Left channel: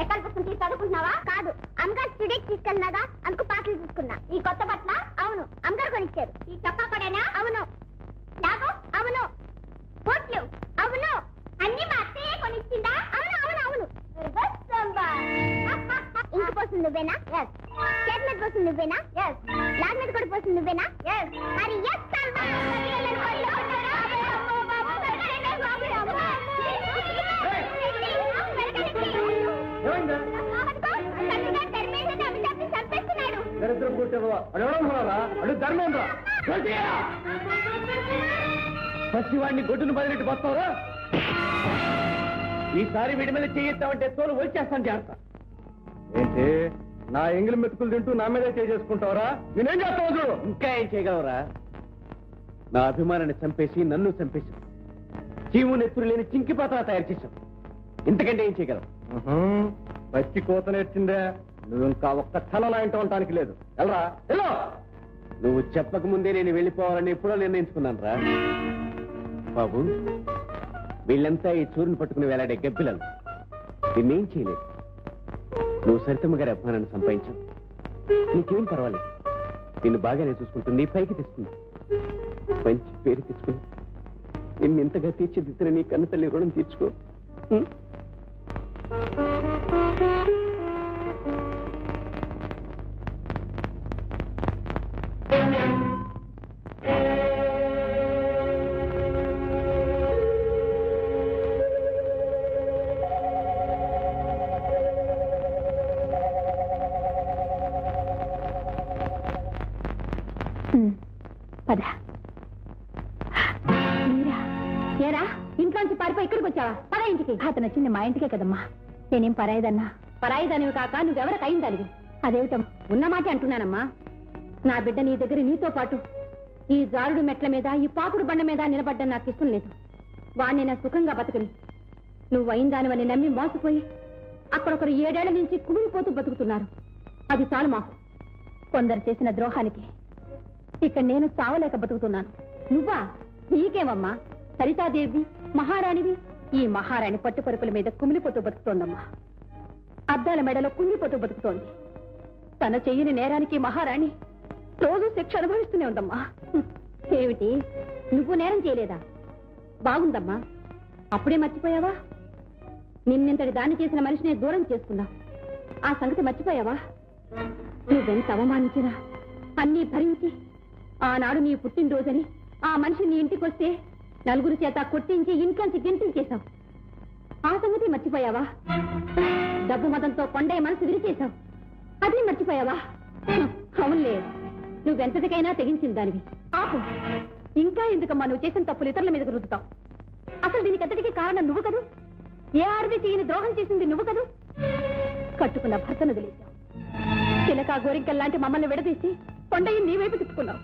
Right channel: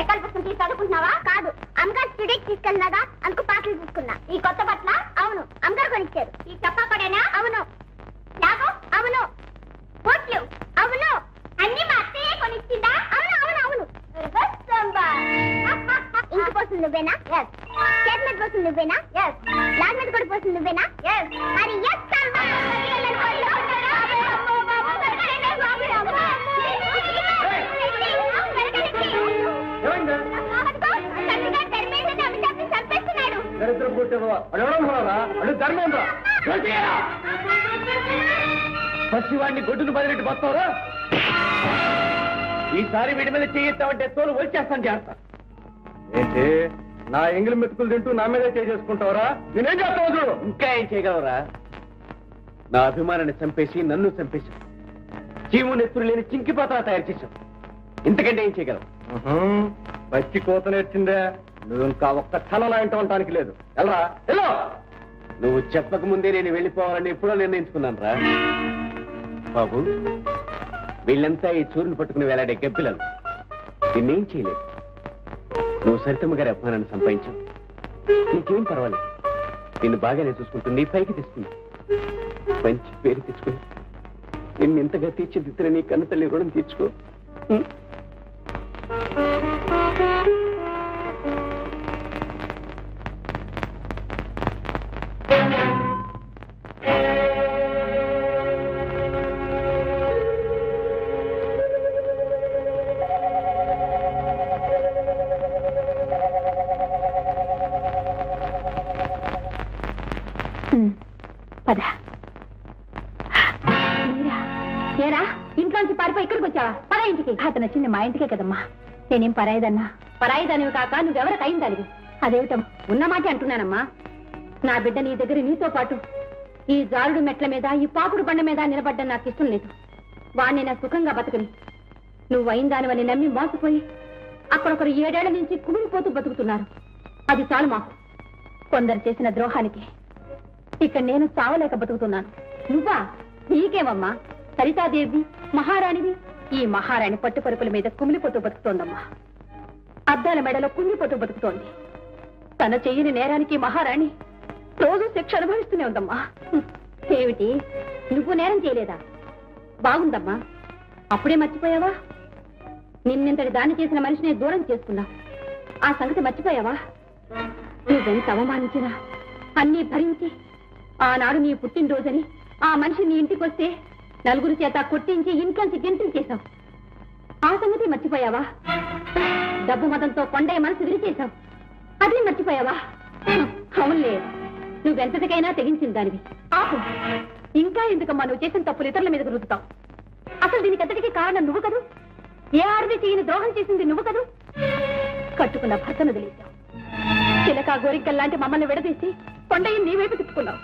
ఎక్కడ పుస్తకం చదువుకున్నావా? కాదు, అమ్మగారు స్టూడియోకి తీసుకెళ్ళినాగా, అందుకు పాటలు తీసుకున్నా. ఈ కొత్త బట్టల? అవును, అమ్మగారు కొనిచ్చారు. ఈ చొక్కా కూడానా? అవును. లాగో? అవును. బోట్లు? అవును. అన్ని మా అత్తయ్య కొనిచ్చిందా? అవును అవును అవును. ఇంక పోతుంది నువ్వేనా? చేతి మీద పోతుంది నువ్వేనా? లాగ్ మీద కూడా పోతుంది నువ్వేనా? మరి పసివాడిని గొడ్డును బదిలిటి పోతావా? ఈసారి వీడి మీద చేయిస్తామంటే తోలు వచ్చేస్తాను చేస్తా. ఏంటి నా ఎంగిలి మెతుకులు తింటూ నా మీద చేసుకుంటావరా? నేనేం చేస్తావు? ఇంకా ఏం చేయగలవరా? నా అభిమానాన్ని చంపేసి నన్ను చంపేశావు. చీము నెత్తురు లేని చింకి పాత్ర తయారు చేశావు. ఇంతకంటే ఏం చేయగలవు? పచ్చి కోత నేర్చిందే. నువ్వు ఇంకా ఒక్క క్షణంలో ఇంట ఉండటానికి లేదు. వెళ్ళరా వెళ్ళు. నువ్వు చెప్పక ముందే నేను వెళ్ళిపోవాలని ఎప్పుడో నిర్ణయించుకున్నాను రా బాబు. వీళ్ళంతా ఈ చూరుని పట్టుకుని వేలాడే గబ్బిలను. నిన్నేం చేయలేదు. నువ్వు సరితమ్మ గారి అభిమానాన్ని సంపాదించావు. నీకేం పర్వాలేదు. నిన్ను బాగానే చూసుకుంటుంది, నీ పైకి తెస్తుంది. మంచి పేరు తెచ్చుకుని నిన్ను ఇంతగా తీర్చిదిద్దిన నీ కన్న తల్లి రుణం తీర్చుకో. ఇంట్లోంచి పారిపోయి ఇక్కడికి వచ్చావా? పరా ఇంటికి. అతను వచ్చింది మా ఇంటికే కదమ్మా. నేనేం పరాయిదన్నా? పరాయిదానివి కాక నువ్వెవరికి అయిందానివి? అదేమిటం ఉన్నమాటే అంటున్నానమ్మా. నా బిడ్డ నీ దగ్గర నీతో పాటు ఈ జారుడు మెట్ల మీద, ఈ పాకుడు బండ మీద నిలబడ్డం నాకు ఇష్టం లేదు. వాణ్ణి నా సుఖంగా బతకని నువ్వు అయిందానివని నమ్మి మోసపోయి అక్కడొకరు 7 ఏళ్ల నుంచి కుమిలిపోతూ బతుకుతున్నారు. అది చాలు మాకు. కొందరు చేసిన ద్రోహానికి ఇక్కడ నేను చావలేక బతుకుతున్నాను. నువ్వా? నీకేమమ్మా? సరితాదేవి మహారాణివి. ఈ మహారాణి పట్టుపరుపుల మీద కుమిలిపోతూ బతుకుతోందమ్మా. అద్దాల మెడలో కుంగిపోతూ బతుకుతోంది. తన చెయ్యని నేరానికి మహారాణి రోజు శిక్ష అనుభవిస్తూనే ఉందమ్మా. ఏమిటి, నువ్వు నేరం చేయలేదా? బాగుందమ్మా. అప్పుడే మర్చిపోయావా? నిన్నెంతటి దాన్ని చేసిన మనిషిని దూరం చేసుకున్నావు. ఆ సంగతి మర్చిపోయావా? నువ్వెంత అవమానించినా అన్నీ భరించి ఆనాడు నీ పుట్టినరోజని ఆ మనిషి నీ ఇంటికి వస్తే నలుగురు చేత కొట్టించి ఇంట్లోంచి గింటించేశావు. ఆ సంగతి మర్చిపోయావా? డబ్బు మతంతో కొండయ్య మనసు విరిచేశావు. అది మర్చిపోయావా? అవునులే, నువ్వెంతటికైనా తెగించిన దానివి. ఆపు. ఇంకా ఎందుకమ్మా నువ్వు చేసిన తప్పులు ఇతరుల మీద రుద్దుతావు? అసలు దీనికి అంతటికీ కారణం నువ్వు కదూ. ఏ ఆడది చేయని ద్రోహం చేసింది నువ్వు కదూ. కట్టుకున్న భర్తను వదిలేశావు. చిలక గోరింకల్లాంటి మమ్మల్ని విడదీసి కొండయ్య నీ వైపు తిప్పుకున్నావు.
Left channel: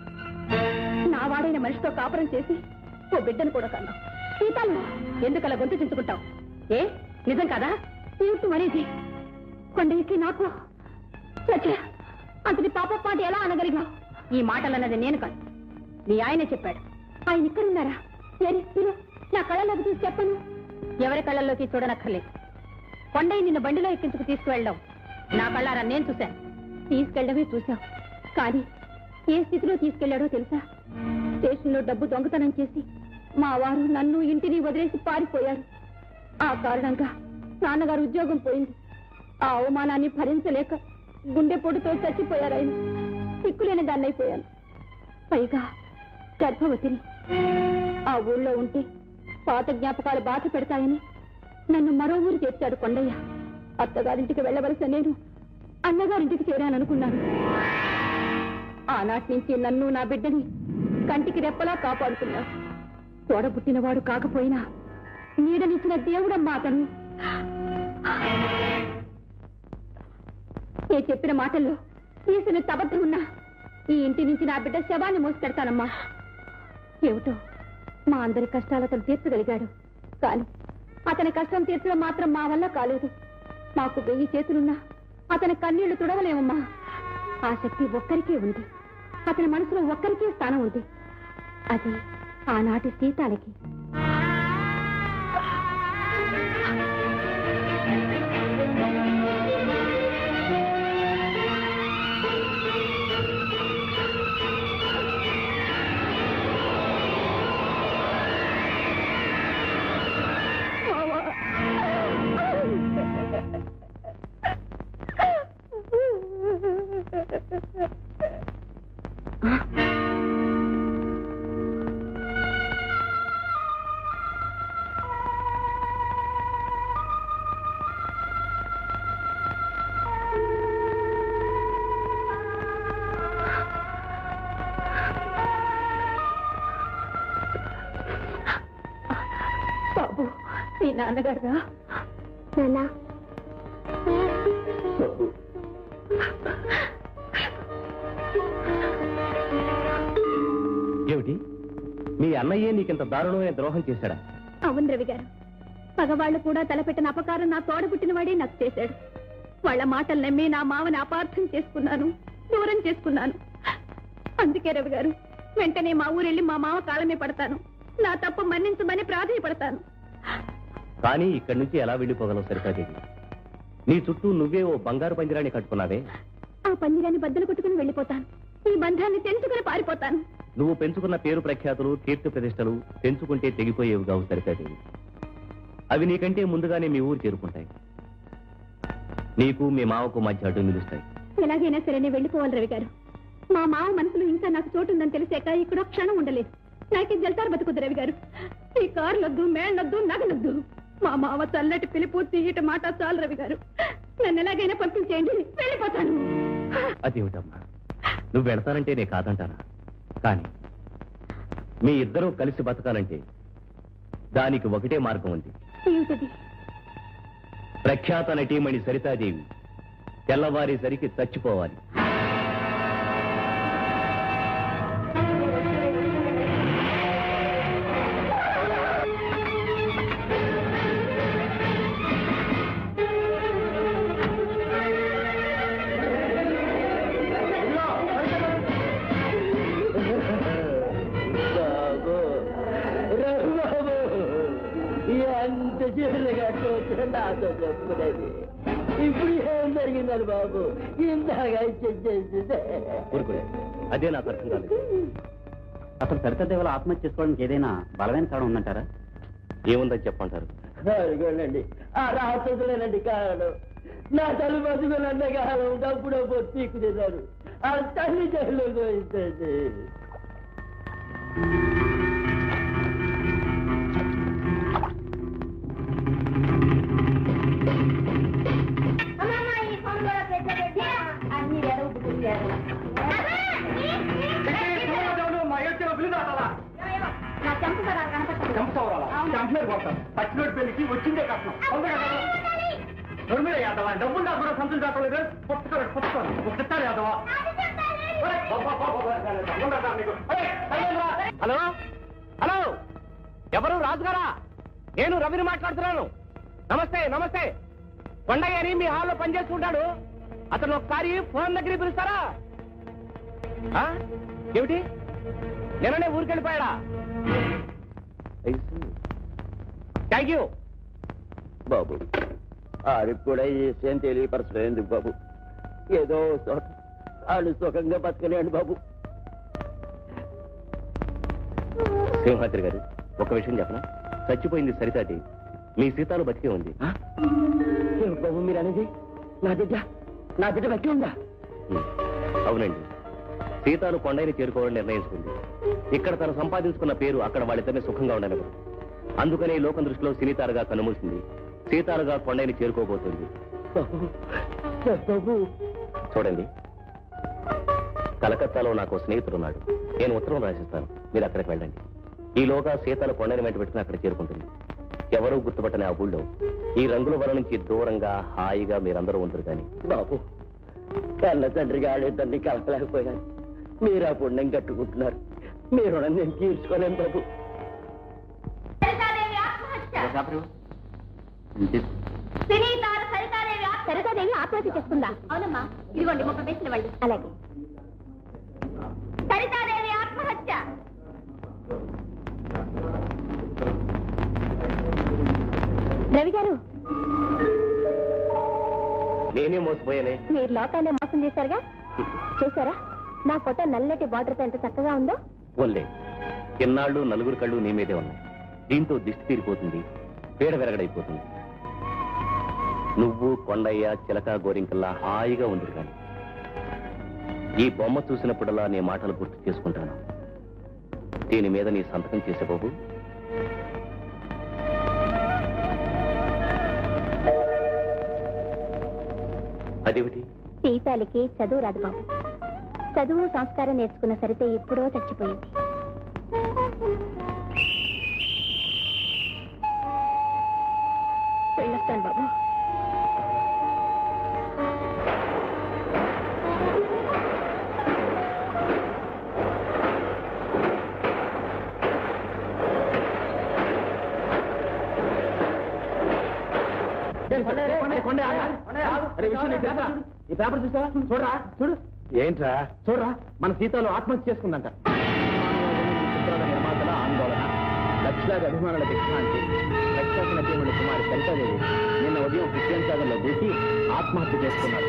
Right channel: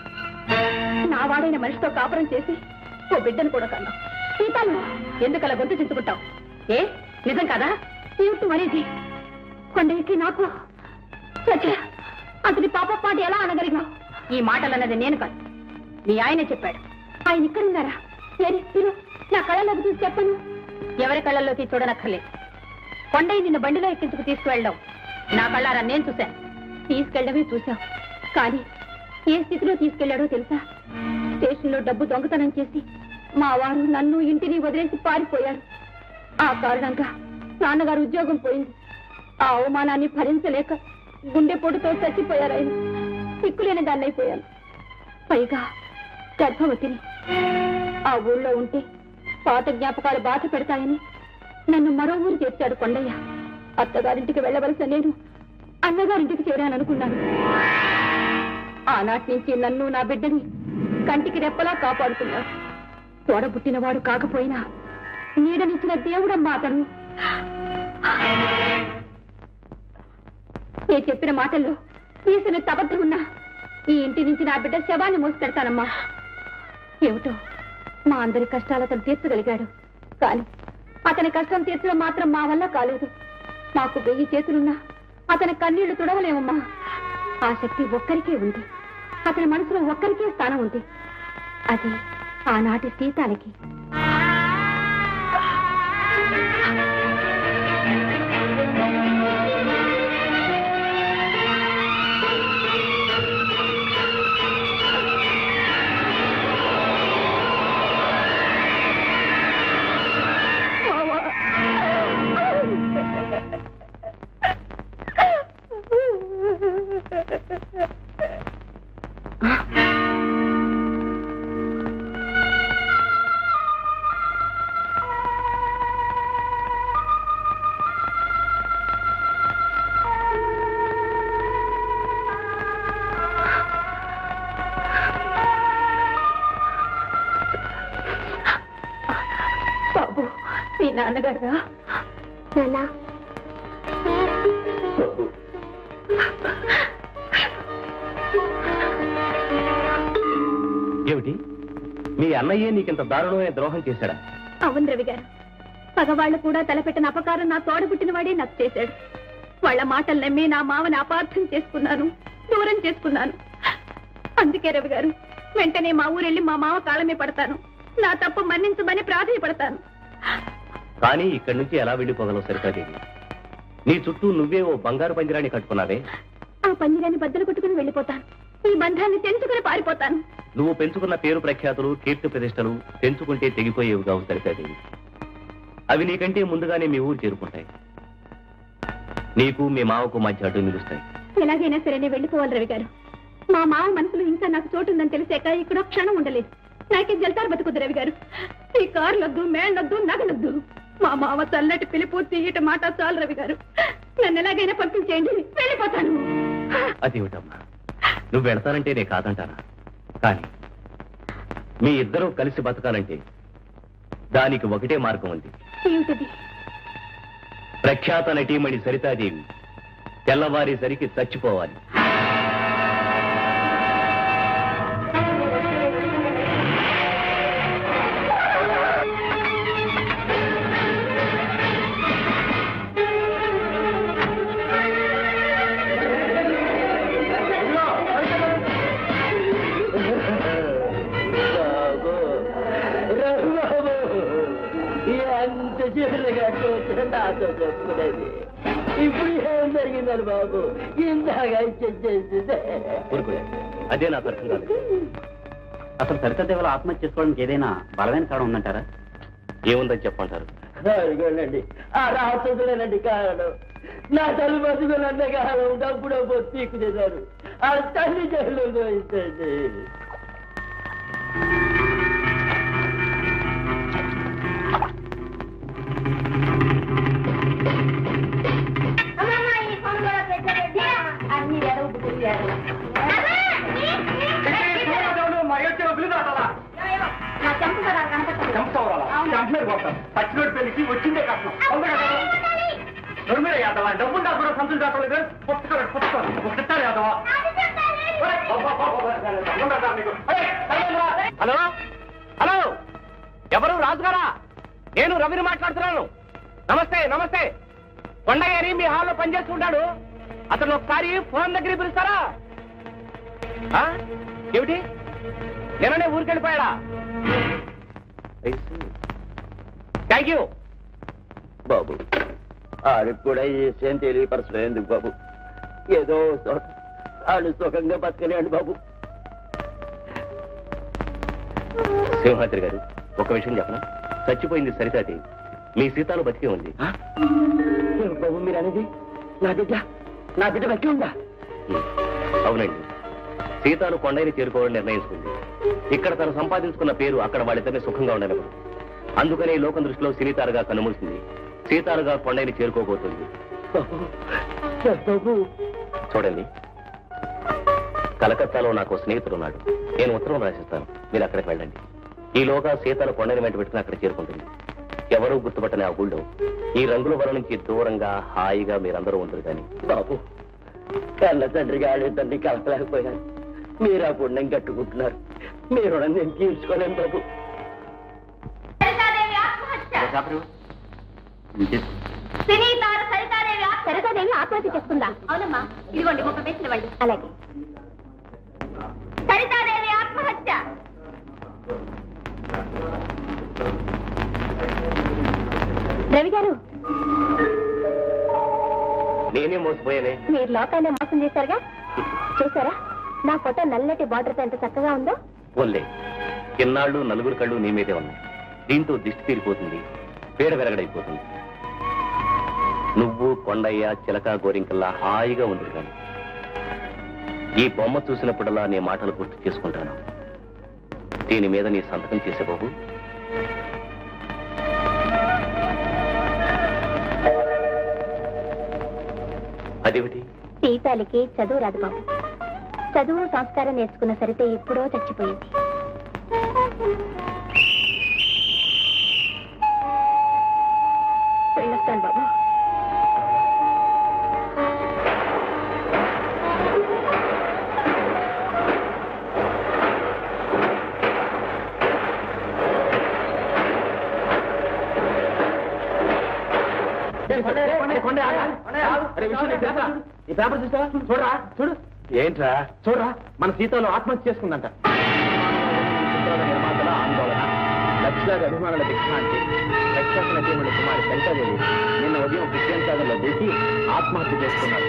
నా వాడైన మనిషితో కాపురం చేసి ఓ బిడ్డను కూడా కన్నావు. సీతాలు ఎందుకలా గొంతు చించుకుంటావు? ఏ నిజం కాదా? ఏమిటి మరీది? కొండయ్యకి నాకు అంతటి పాప పాట ఎలా అనగలిగావు? ఈ మాటలన్నది నేను కాదు, నీ ఆయనే చెప్పాడు. ఆయన ఇక్కడున్నారా? నా కళ్ళలోకి చూసి చెప్పను. ఎవరి కళ్ళల్లోకి చూడనక్కర్లేదు. కొండయ్య నిన్ను బండిలో ఎక్కించుకు తీసుకువెళ్ళాం నా కళ్ళారా నేను చూశాను. తీసుకెళ్ళడమే చూశావు, కానీ ఏ స్థితిలో తీసుకెళ్లాడో తెలుసా? స్టేషన్లో డబ్బు దొంగతనం చేసి మా వారు నన్ను ఇంటిని వదిలేసి పారిపోయారు. ఆ కారణంగా నాన్నగారు ఉద్యోగం పోయింది. ఆ అవమానాన్ని భరించలేక గుండెపోటుతో చచ్చిపోయారు. ఆయన సిక్కులేని దాన్ని అయిపోయాను. పైగా గర్భవతిని. ఆ ఊళ్ళో ఉంటే పాత జ్ఞాపకాలు బాధ పెడతాయని నన్ను మరో ఊరు చేర్చాడు కొండయ్య. అత్తగారింటికి వెళ్ళవలసిన నేను అన్నగారింటికి చేరాననుకున్నాను. ఆనాటి నుంచి నన్ను నా బిడ్డని కంటికి రెప్పలా కాపాడుతున్నా. తోడబుట్టినవాడు కాకపోయినా నీడనిచ్చిన దేవుడమ్మా అతను. నేను చెప్పిన మాటల్లో చేసిన తబద్ధం ఉన్నా ఈ ఇంటి నుంచి నా బిడ్డ శవాన్ని మోసి పెడతానమ్మా. ఏమిటో మా అందరి కష్టాలు అతను తీర్చగలిగాడు, కానీ అతని కష్టం తీర్చడం మాత్రం మా వల్ల కాలేదు. మాకు 1000 చేతులున్నా అతని కన్నీళ్లు తుడవలేమమ్మా. ఆ శక్తి ఒక్కరికే ఉంది. అతని మనసులో ఒక్కరికే స్థానం ఉంది. అది ఆనాటి సీతాలకి బాబు మీ నాన్నగారుగా నాన్న ఏమిటి మీ అన్నయ్యే నీకింత దారుణమైన ద్రోహం చేశాడా? అవును రవి గారు, పగవాళ్ళు కూడా తలపెట్టిన అపకారం నా తోడ పుట్టినవాడే నాకు చేశాడు. వాళ్ళ మాటలు నమ్మి నా మావని అపార్థం చేసుకున్నాను, దూరం చేసుకున్నాను. అందుకే రవి గారు, వెంటనే మా ఊరెళ్ళి మా మావ కాలమే పడతాను, నా తప్పు మన్నించమని ప్రాధాయపడతాను. కానీ ఇక్కడి నుంచి ఎలా వెళ్ళిపోగలవు సరితాదేవి? నీ చుట్టూ నువ్వే ఓ బంగారు పంజరాన్ని కట్టుకున్నావే. ఆ పంజరాన్ని బద్దలు కొట్టుకుని వెళ్ళిపోతాను, ఈ బంధాన్ని తెంచుకుని పారిపోతాను. నువ్వు పెంచుకున్న పేరు ప్రఖ్యాతులు, కీర్తి ప్రతిష్టలు పెంచుకుంటే తెగిపోయేవి కావు సరితాదేవి. అవి నీకంటే ముందుగానే మీ ఊరు చేరుకుంటాయి, నీకు మీ మావకు మధ్య అడ్డు నిలుస్తాయి. ఎలాగైనా సరే నేను వెళ్ళిపోవాలి రవి గారు. మా మావ మనసులో ఇంకా నాకు చోటు ఉందని తెలిసాక ఇక్కడ క్షణం ఉండలేదు. నాకు జల్తారు బతుకుద్దు రవి గారు. ఈ కార్లొద్దు, మేళ్ళొద్దు, నగలొద్దు. మా మావ చల్లటి పిలుపు, తీయట మాట చాలు రవి గారు. నన్ను ఎలాగైనా పంపించేయండి, వెళ్ళిపోతాను. అదేమిటమ్మా, నువ్వు పెడతానంటే నేను కాదంటానా? కానీ మీ ఇద్దరూ కలిసి బతకాలంటే దానికి ఒకటే మార్గం ఉంది. ఏమిటది? ప్రఖ్యాత నటీమణి సరితాదేవి తెల్లవారేసరికి చచ్చిపోవాలి. ఎంత చిన్నగా నాతో చెప్పుకునేది ఇప్పుడు ఏం జరిగిందని బాబు ఇంతగా ఇచ్చేసిందే. అదే నాకు అర్థం కాలేదు. అసలు సరితదేవులు ఆత్మహత్య చేసుకోవడానికి ఏదైనా బలమైన కారణం ఉందంటారా? ఏముందని చెప్పంటారు? అడిగోనండి, ఆ రాత్రులేనండి కారణం. నా తల్లి బతుకులన్న కారణం డబ్బుడో తీకు తిన్నాడు. ఆ తల్లి జైల్లో పోయింది. పచ్చినోటి పెళ్లికి వచ్చిందే కష్టం. డబ్బులు దాకా సంతులు దాకలేదు. ఒకసారి యాదవా. హలో హలో, ఎవరు? రాజుగారా? నేను రవిని మాట్లాడుతున్నాను. నమస్తే నమస్తే. కొండయ్య అని మీ హాల్లో పనిచేస్తుంటాడు. అతను ఒకసారి ఫోన్ దగ్గరికి పిలుస్తారా? ఏమిటి, నిన్ననే ఊరికెళ్ళిపోయాడా? థ్యాంక్ యూ బాబు. ఆడికి కూడా ఈ విషయం తెలియపరచలేదు బాబు. ఏదో వాళ్ళు సుఖంగా బతకలేండి బాబు. సింహాద్రి గారు, ఒక విషయం చెప్పనా? చచ్చిపోయింది సరితాది, మీ సీతాలు బతికే ఉంది. బాబు మీరు అనేది నా బిడ్డ బతికే ఉందా? అవునండి, సీతాలు కొండని చేరుకోవాలని నిర్ణయించుకుంది. ఇక్కడ తను సంపాదించుకున్న పేరు అక్కడ వాళ్ళిద్దరిని సుఖంగా ఉండనివ్వరు. అందుకనే లోకం దృష్టిలో సినీతారుగా కనుమూసింది. సీతాలుగా కొండని చేరుకోబోతుంది. చూడండి, కలకత్తాలో నాకు స్నేహితుడున్నాడు. నేను ఉత్తరం రాసిస్తాను, మీరు అక్కడికి వెళ్ళండి. ఈలోగా సీతాలు కొండని వెంట పెట్టుకుని అక్కడ చేరుకుంటుంది. ఎవరూ గుర్తుపట్టని ఆ ఊళ్ళో ఈ రంగుల వల నుంచి దూరంగా హాయిగా మీరందరూ ఉంటారు. కానీ బాబు, కళ్ళ తండ్రిగా ఆడేదాన్ని కలకలేకపోయాను. మీరు ఆ పుణ్యం కట్టుకుంటున్నారు. మీరు నేను తీర్చుకోలేను బాబు. సరితాదేవి ఆత్మహత్య చేసుకుందా? అవునమ్మా, ఇదిగోండి 30 పైసలు ఇవ్వండి. అలాగే. సరితాదేవి ఆత్మహత్య. రవి గారు, నేనే మోసపోయానే. మీరు లోకాలే మోసం చేశారుగా. చూసారా నా ఫోటో నల్లటి బార్డర్తో ఎంత చక్కగా ఉందో. పోన్లే, ఎన్నాళ్ళు నలుగురు కళ్ళు నీ మీదే ఉన్నాయి. దీంతో దిష్టి తీరిపోతుంది, పీడ వెరగడైపోతుంది. నువ్వు కొండయ్య చిలక గోరింకల్లా హాయిగా ఉంది. కానీ ఈ బొమ్మ చూసినప్పుడల్లా నీ మాటలు గుర్తు చేసుకుంటాను. దీని మీద నీ సంతకం చేసే బాబు. అదేమిటి? సీతాలకి చదువు రాదు బాబు. చదువు సంస్కారం నేర్చుకున్న సరితే ఎప్పుడో చచ్చిపోయింది. వెళ్ళొస్తాను బాబు. ఈ పేపర్ చూసావా? చూడరా, చూడు. ఏంట్రా? చూడరా, మన సీతాలు ఆత్మహత్య చేసుకుందంట. నిర్మాతల ఆందోళన, లక్షలాది అభిమానుల విశ్రాంతి. ప్రఖ్యాత నటీమణి కుమారి శంకరదేవి నిన్న ఉదయం క్రిస్టియన్ సాగర్లో దూకి ఆత్మహత్య చేసుకున్నారు.